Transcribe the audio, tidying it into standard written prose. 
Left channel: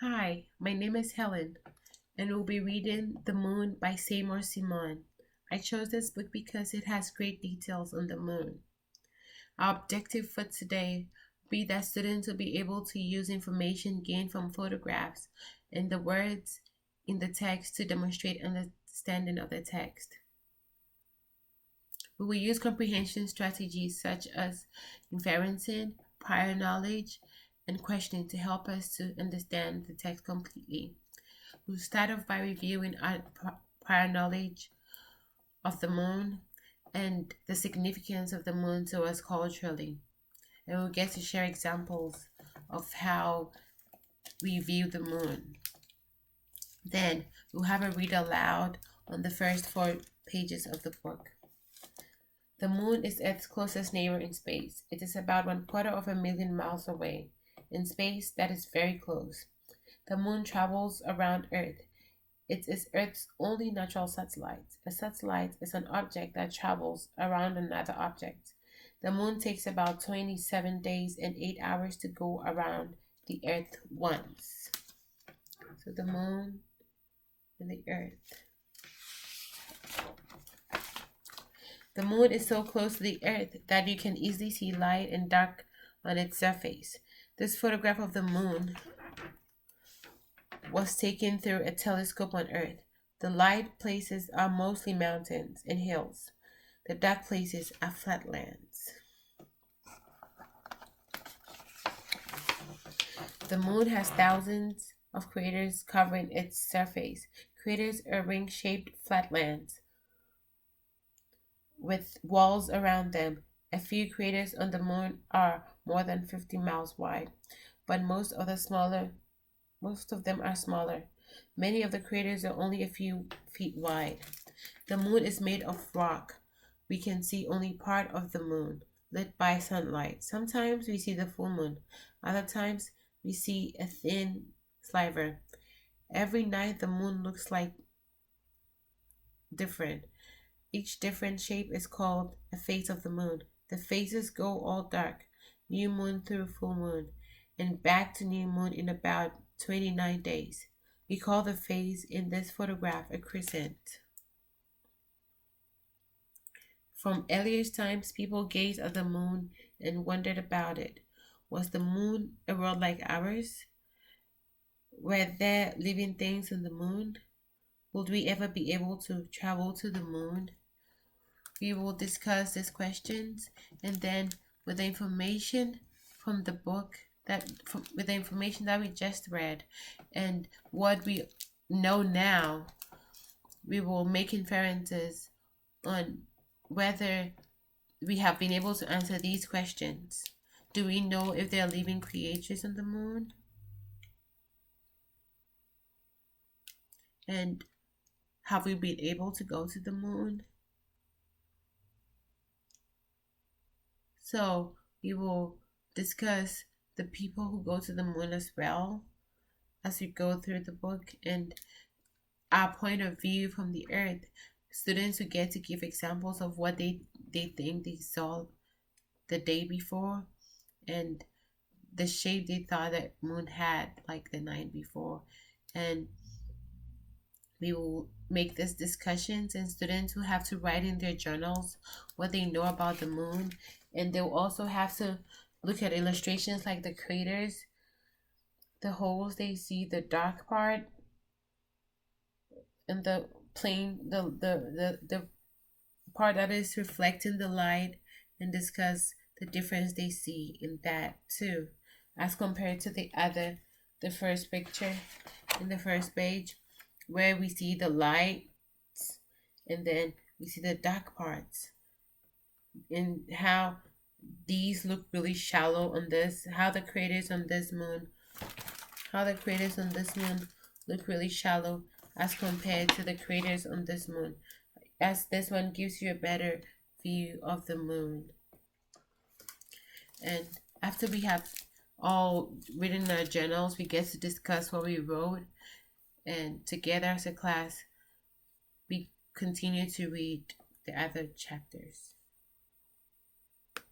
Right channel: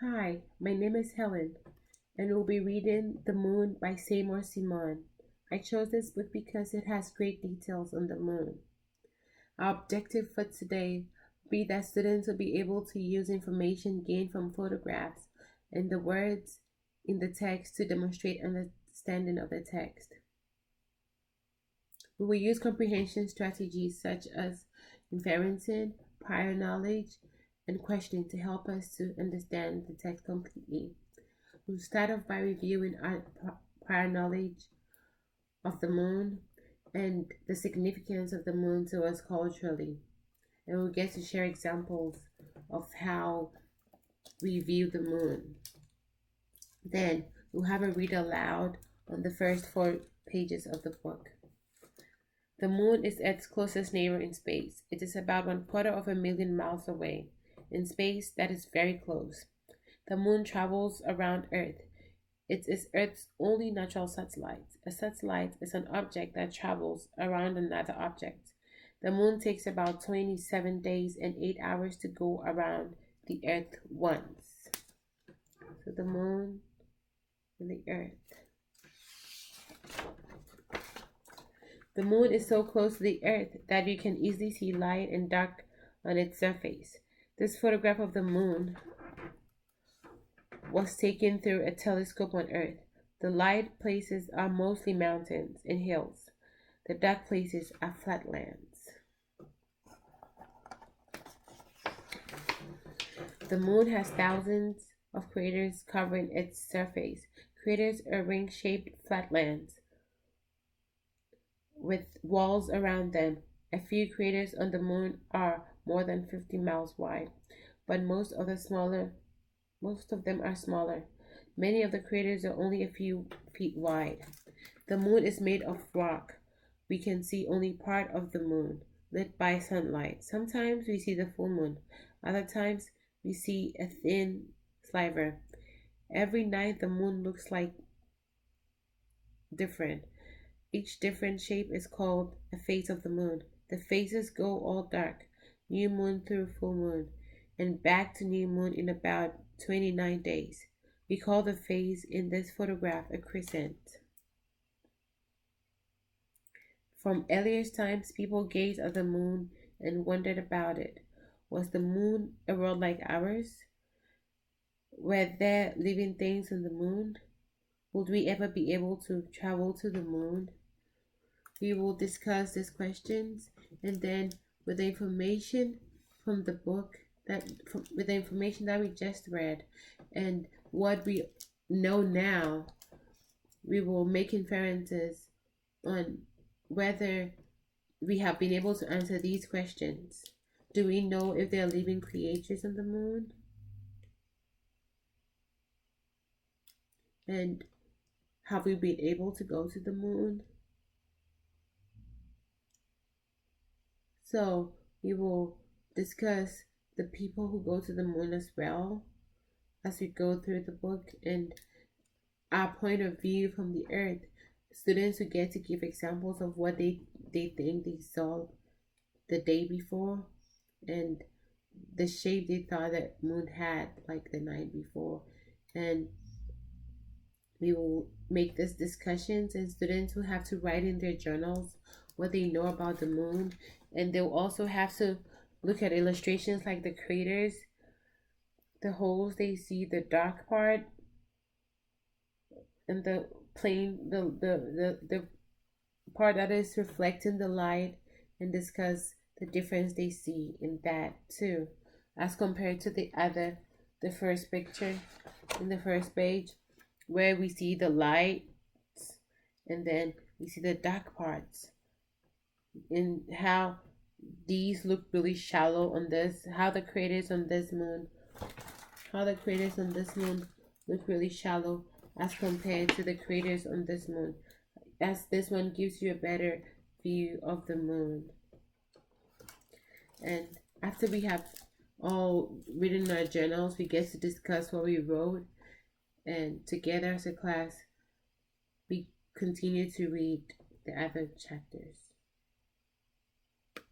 Hi, my name is Helen, and we'll be reading The Moon by Seymour. I chose this book because it has great details on the moon. Our objective for today will be that students will be able to use information gained from photographs and the words in the text to demonstrate understanding of the text. We will use comprehension strategies such as inferencing, prior knowledge, and questioning to help us to understand the text completely. We'll start off by reviewing our prior knowledge of the moon and the significance of the moon to us culturally. And we'll get to share examples of how we view the moon. Then we'll have a read aloud on the first 4 pages of the book. The moon is Earth's closest neighbor in space. It is about 1/4 of a million miles away. In space, that is very close. The moon travels around Earth. It is Earth's only natural satellite. A satellite is an object that travels around another object. The moon takes about 27 days and 8 hours to go around the Earth once. So the moon and the Earth. The moon is so close to the Earth that you can easily see light and dark on its surface. This photograph of the moon was taken through a telescope on Earth. The light places are mostly mountains and hills. The dark places are flatlands. The moon has thousands of craters covering its surface. Craters are ring-shaped flatlands with walls around them. A few craters on the moon are more than 50 miles wide, but most of them are smaller. Many of the craters are only a few feet wide. The moon is made of rock. We can see only part of the moon, lit by sunlight. Sometimes we see the full moon. Other times we see a thin sliver. Every night the moon looks like different. Each different shape is called a phase of the moon. The phases go all dark, new moon through full moon, and back to new moon in about 29 days. We call the phase in this photograph a crescent. From earliest times, people gazed at the moon and wondered about it. Was the moon a world like ours? Were there living things on the moon? Would we ever be able to travel to the moon? We will discuss these questions, and then with the information from the book with the information that we just read and what we know now, we will make inferences on whether we have been able to answer these questions. Do we know if there are living creatures on the moon? And have we been able to go to the moon? So we will discuss the people who go to the moon as well as we go through the book and our point of view from the Earth. Students who get to give examples of what they think they saw the day before and the shape they thought that moon had like the night before. And we will make these discussions, and students will have to write in their journals what they know about the moon, and they'll also have to look at illustrations like the craters, the holes they see, the dark part, and the plane, the part that is reflecting the light, and discuss the difference they see in that too, as compared to the first picture in the first page, where we see the lights and then we see the dark parts, and how these look really shallow on this, how the craters on this moon look really shallow as compared to the craters on this moon, as this one gives you a better view of the moon. And after we have all written our journals, we get to discuss what we wrote, and together as a class we continue to read the other chapters.